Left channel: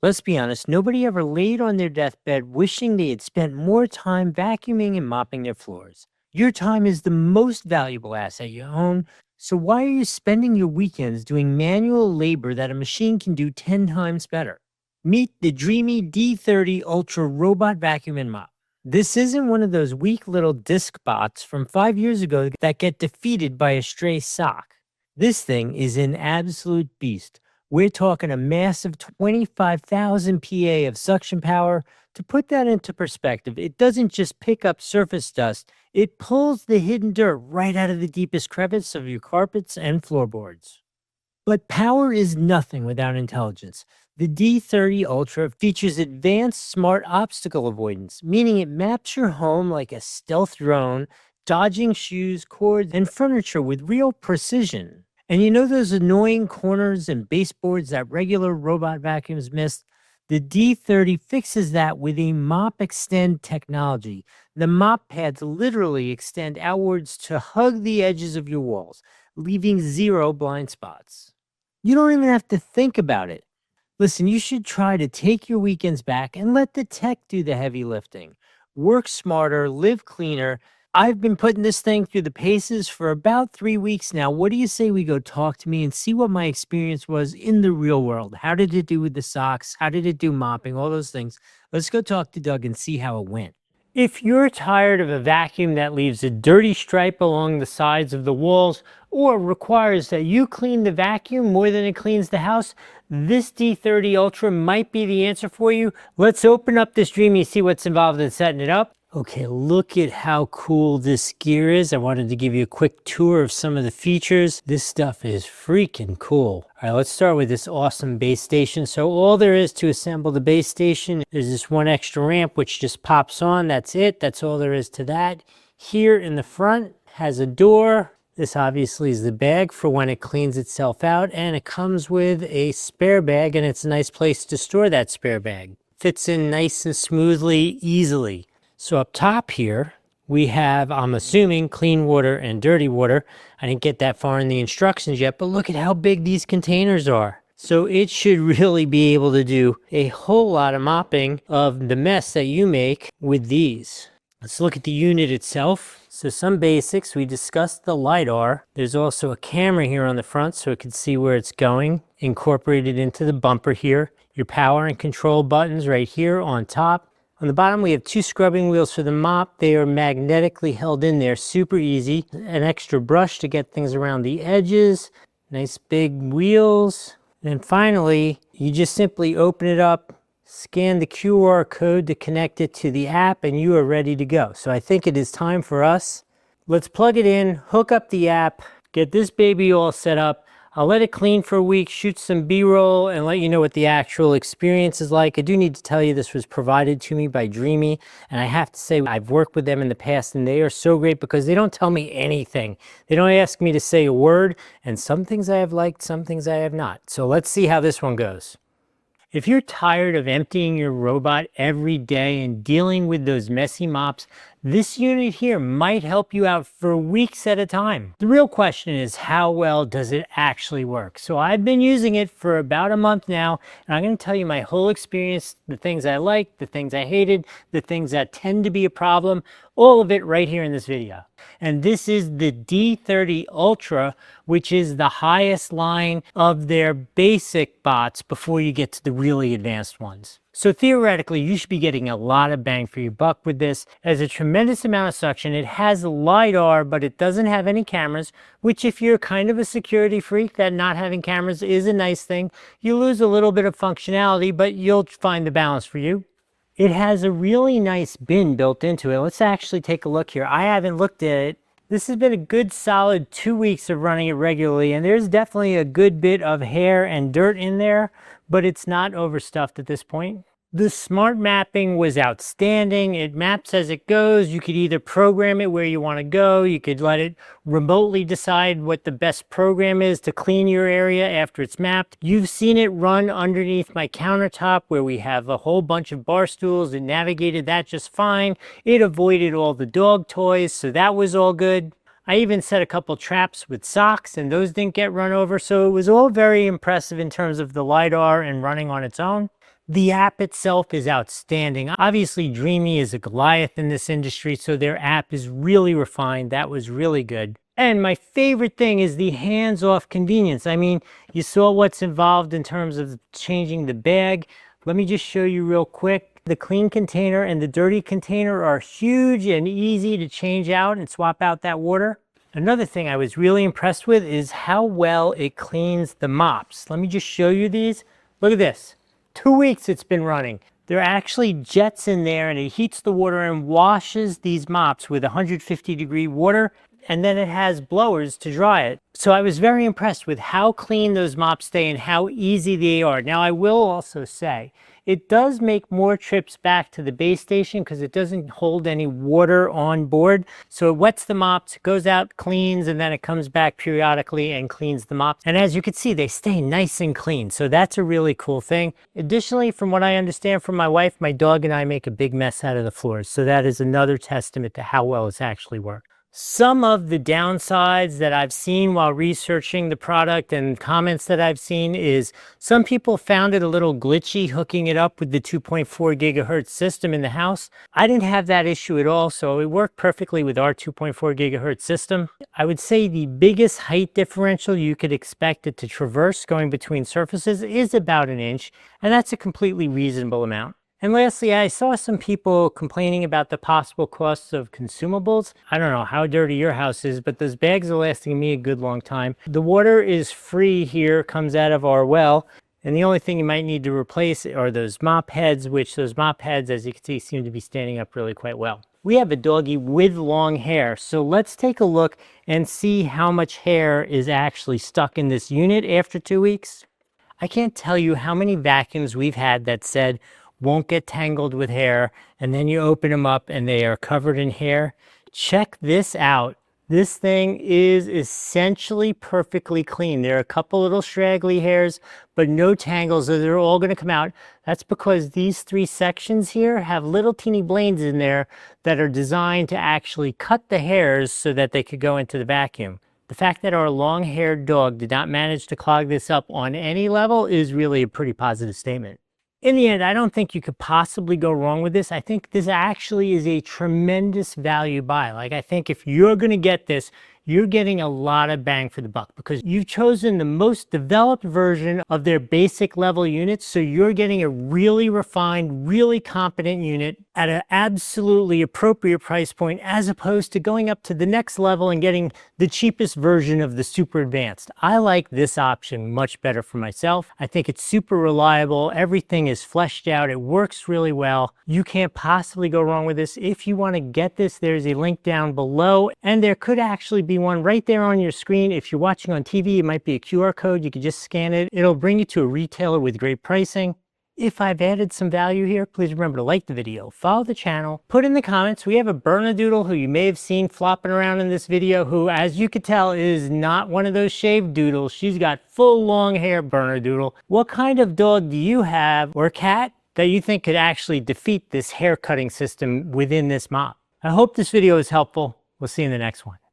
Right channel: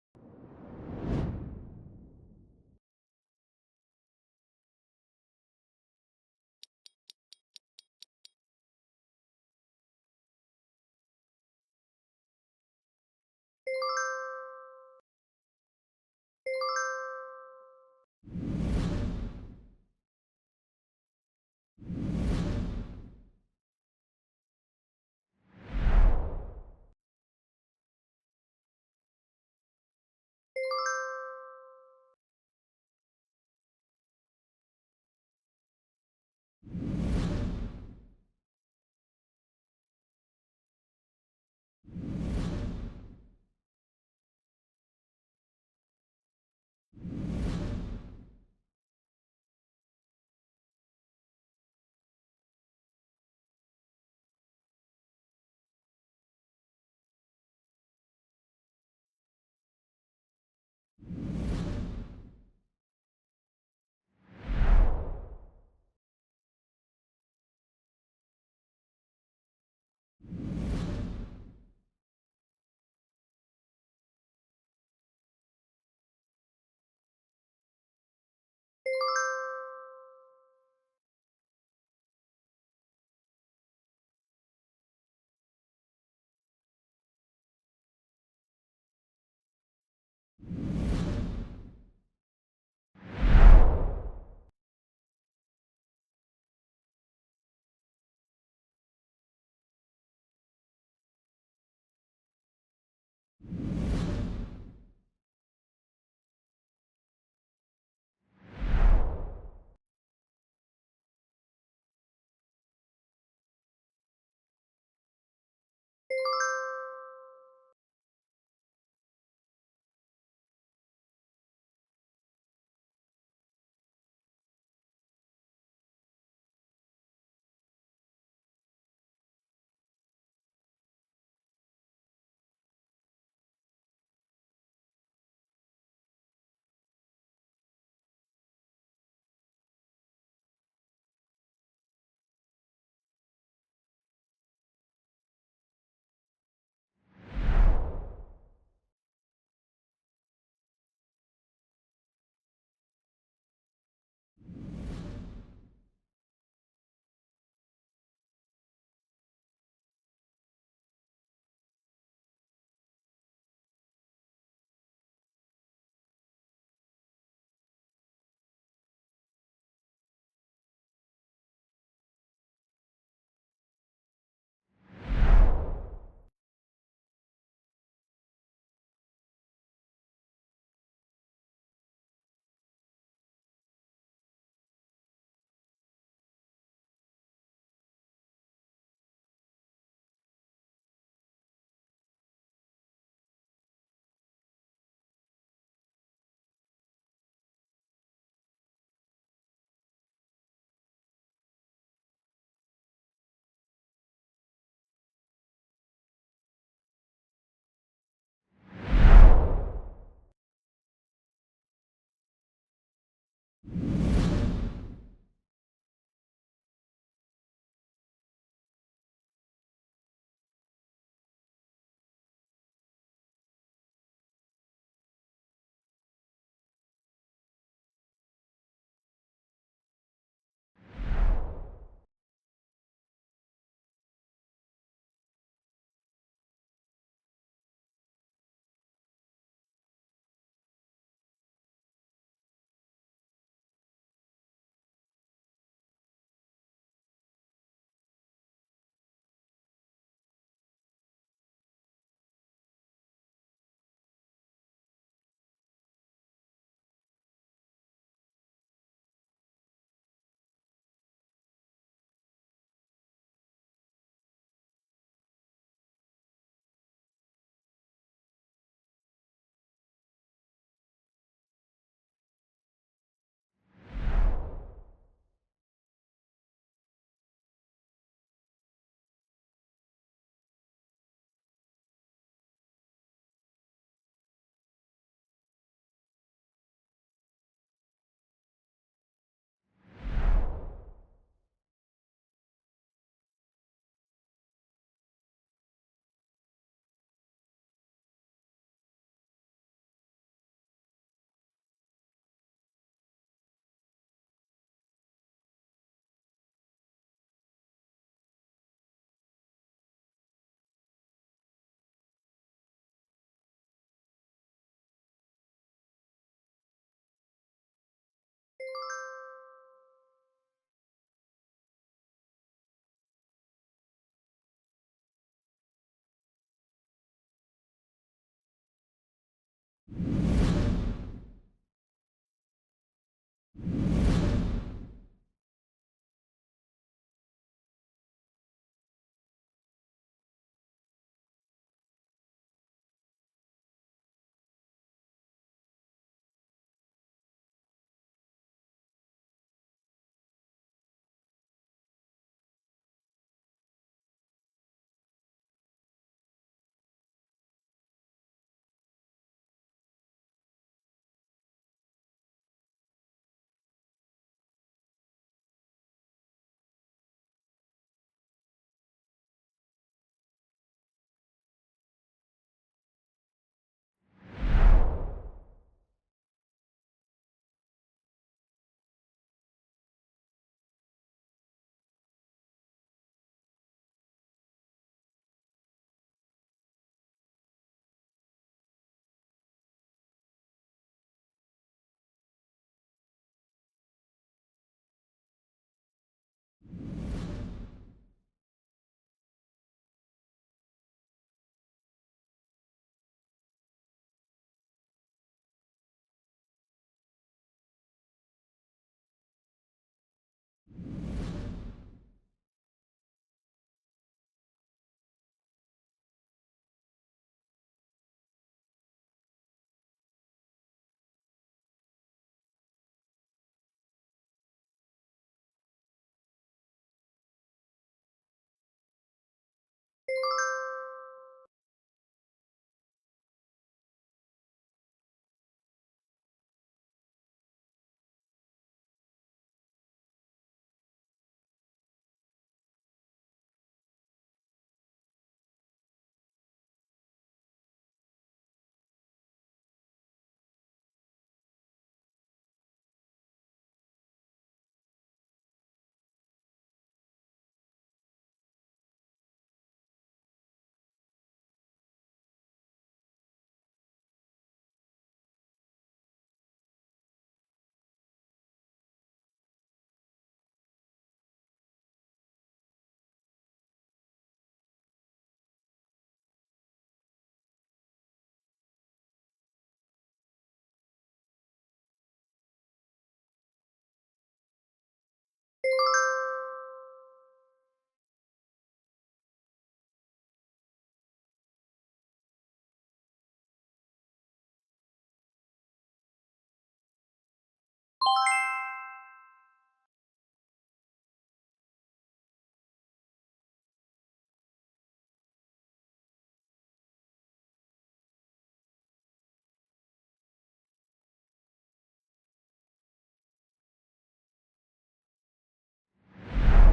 Let's be honest, nobody ever laid on their deathbed wishing they had spent more time vacuuming and mopping their floors. Your time is the most valuable asset you own, so why are you spending your weekends doing manual labor that a machine can do 10 times better? Meet the Dreamy D30 Ultra Robot Vacuum and Mop. This isn't one of those weak little disc bots from 5 years ago that get defeated by a stray sock. This thing is an absolute beast. We're talking a massive 25,000 PA of suction power. To put that into perspective, it doesn't just pick up surface dust, it pulls the hidden dirt right out of the deepest crevice of your carpets and floorboards. But power is nothing without intelligence. The D30 Ultra features advanced smart obstacle avoidance, meaning it maps your home like a stealth drone, dodging shoes, cords, and furniture with real precision. And you know those annoying corners and baseboards that regular robot vacuums miss? The D30 fixes that with a mop extend technology. The mop pads literally extend outwards to hug the edges of your walls, leaving zero blind spots. You don't even have to think about it. Listen, you should try to take your weekends back and let the tech do the heavy lifting. Work smarter, live cleaner. I've been putting this thing through the paces for about 3 weeks now. What do you say we go talk to me and see what my experience was in the real world? How did it do with the socks? How did it do mopping? All those things. Let's go talk to Doug and see how it went. If you're tired of a vacuum that leaves a dirty stripe along the sides of the walls or requires that you clean the vacuum more than it cleans the house, this D30 Ultra might be the answer for you. Let's open up this Dreame and see what's involved in setting it up. Okay, look at how cool this gear is. I wanted to give you a quick tour of some of the features. This stuff is freaking cool. All right, let's start with this awesome base station. So all there is to assemble the base station is this one extra ramp, which just pops on. That's it. That's all there is to that. Here in the front has a door. This obviously is the bag for when it cleans itself out, and it comes with a spare bag, and it's a nice place to store that spare bag. Fits in nice and smoothly, easily. So up top here, we have, I'm assuming, clean water and dirty water. I didn't get that far in the instructions yet, but look at how big these containers are. So it should really be able to do a whole lot of mopping of the mess that you make with these. Let's look at the unit itself. So some basics, we discussed the LiDAR. There's also a camera here on the front so it can see where it's going, incorporated into the bumper here. Your power and control buttons right here on top. On the bottom, we have two scrubbing wheels for the mop. They are magnetically held in there, super easy. An extra brush to get things around the edges. Nice big wheels. And finally, you just simply open it up, scan the QR code to connect it to the app, and you are ready to go. So I think it is time for us. Let's plug it in, hook up the app, get this baby all set up. I'll let it clean for a week, shoot some B-roll, and let you know what the actual experience is like. I do need to tell you this was provided to me by Dreame, and I have to say I've worked with them in the past, and they are so great because they don't tell me anything. They don't ask me to say a word, and some things I have liked, some things I have not. So let's see how this one goes. If you're tired of emptying your robot every day and dealing with those messy mops, this unit here might help you out for weeks at a time. The real question is, how well does it actually work? So I've been using it for about a month now, and I'm going to tell you my whole experience, the things I liked, the things I hated, the things that tend to be a problem, all of it right here in this video. And this is the D30 Ultra, which is the highest line of their basic bots before you get to the really advanced ones. So theoretically, you should be getting a lot of bang for your buck with this. It has a tremendous amount of suction. It has LiDAR, but it doesn't have any cameras, which if you're kind of a security freak, that not having cameras is a nice thing. You lose a little bit of functionality, but you'll find the balance for you. It has a really nice bin built into it. Let's actually take a look here. I haven't looked at it. This has been a good solid 2 weeks of running it regularly, and there's definitely a good bit of hair and dirt in there, but it's not overstuffed at this point. The smart mapping was outstanding. It maps as it goes. You could either program it where you want to go. You could let it remotely decide what the best program is to clean your area after it's mapped. You've seen it run underneath my countertop where we have a whole bunch of bar stools. It navigated that just fine. It avoided all the dog toys, so that was all good. I even set a couple traps with socks and those didn't get run over. So it was all very impressive in terms of the LiDAR and running on its own. The app itself is outstanding. Obviously, Dreame is a Goliath in this industry, so their app is really refined. That was really good. And my favorite thing is the hands-off convenience. I mean, you saw what's involved in terms of changing the bag. Let me just show you real quick. The clean container and the dirty container are huge and easy to change out and swap out that water. Another thing I was really impressed with is how well it cleans the mops. Let me just show you these. Look at this. 2 weeks it's been running. There are actually jets in there and it heats the water and washes these mops with 150-degree water, and then it has blowers to dry it. So I was very impressed with how clean those mops stay and how easy they are. Now I will also say, it does make more trips back to the base station because it doesn't hold any water on board. So it wets the mops, it goes out, cleans, and then it comes back periodically and cleans the mops. And as you can see, they stay nice and clean. So that's a really cool thing. Additionally, from what I understand from my wife, my dog and I make a big mess out of the floors. So that is another testament to how well it's actually worked. Some of the downsides that I've seen while researching the product and comments that I've seen is some people found it a little glitchy hooking it up with the 2.4 gigahertz system in the house. I didn't have that issue at all, so it worked perfectly with our 2.4 gigahertz system. I would say the biggest height differential you could expect it to traverse going between surfaces is about 1 inch, and that's a completely reasonable amount. And lastly, I saw some people complaining about the possible costs of consumables. I don't know how dirty your house is, but those bags are lasting me a good long time. The water is free here, comes out of our well. And the only thing you might need to replace are those mop heads, which those mop heads, as you can see, seem to be standing up really quite well. We have a doggy with long hair, so let's take a look and see how much hair is actually stuck in this unit after 2 weeks. I can't tell you how many vacuums we've had that said, won't get tangled with hair, and then you open them up and they are covered in hair. Check this out. This thing is essentially perfectly clean. There are a couple little straggly hairs, but no tangles, so they're all going to come out. That's because these 3 sections here have little teeny blades in there that are designed to actually cut the hairs so that they could go into the vacuum. The fact that our long-haired dog did not manage to clog this up on any level is really a pretty positive statement. In the end, I don't think you could possibly go wrong with this. I think this actually is a tremendous value buy. Like, I think if you're going to get this, you're getting a lot of bang for the buck because you've chosen the most developed version of their basic level units. So you're getting a really refined, really competent unit at an absolutely appropriate price point, as opposed to going up to the next level and getting the cheapest version of the super advanced. I like this option much better for myself. I think it's super reliable. Everything is fleshed out. It works really well. You can't possibly go wrong with this. If you want to get this, there's a link down below, and there could actually be one right there on your screen. If you're watching on TV, it might be a QR code. You could just scan it. It'll bring you to a retailer with great pricing. If I've added some value here, please remember to like the video, follow the channel, put in the comments. We have a Bernedoodle who you may have seen flopping around in this video, who, as you could tell, is not one of those shaved doodles. She's got full long hair Bernedoodle. What kind of dog do you have, or cat, that you think could actually defeat this hair cutting system within this mop? I hope this video is helpful. We'll see you in the next one.